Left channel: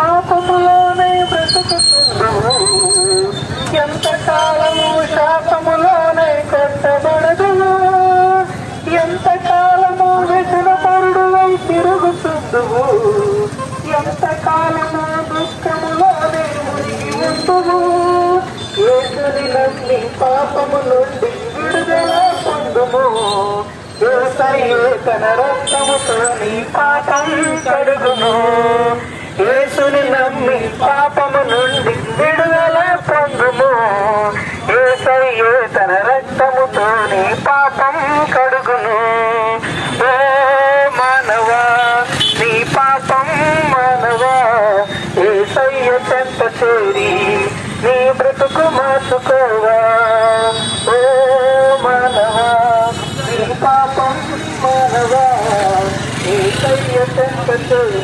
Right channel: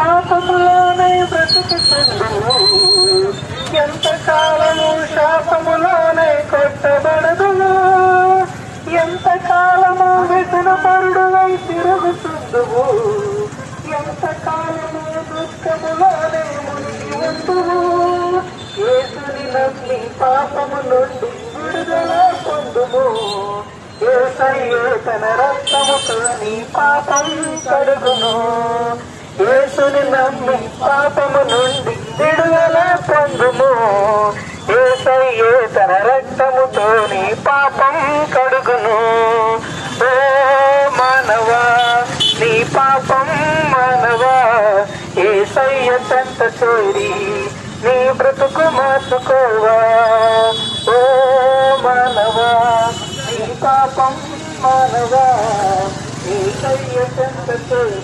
పాపములోనే బ్రతుకుతుందువు, ఎంతకాలము శాపములోనే కొట్టబడదువు, ఎంతకాలము వ్యసనపరుడు తిరుగుతుందువు, ఎంతకాలము దుఃఖములోనే మునిగి ఉందువు. యేసుని నమ్మి పాపము నుండి విడుదల పొందుము, యేసయ్య తన రక్తముతో నీ పాపం కడుగును. యేసుని నమ్మి పాపము నుండి విడుదల పొందుము, యేసయ్య తన రక్తముతో నీ పాపం కడుగును. ఏ మానవా నీ పాపం మానవా, యేసయ్య చెంత చేరి నీ బ్రతుకు మార్చుకోవా. ఓ మానవా నీ పాపం మానవా, యేసయ్య చెంత చేరి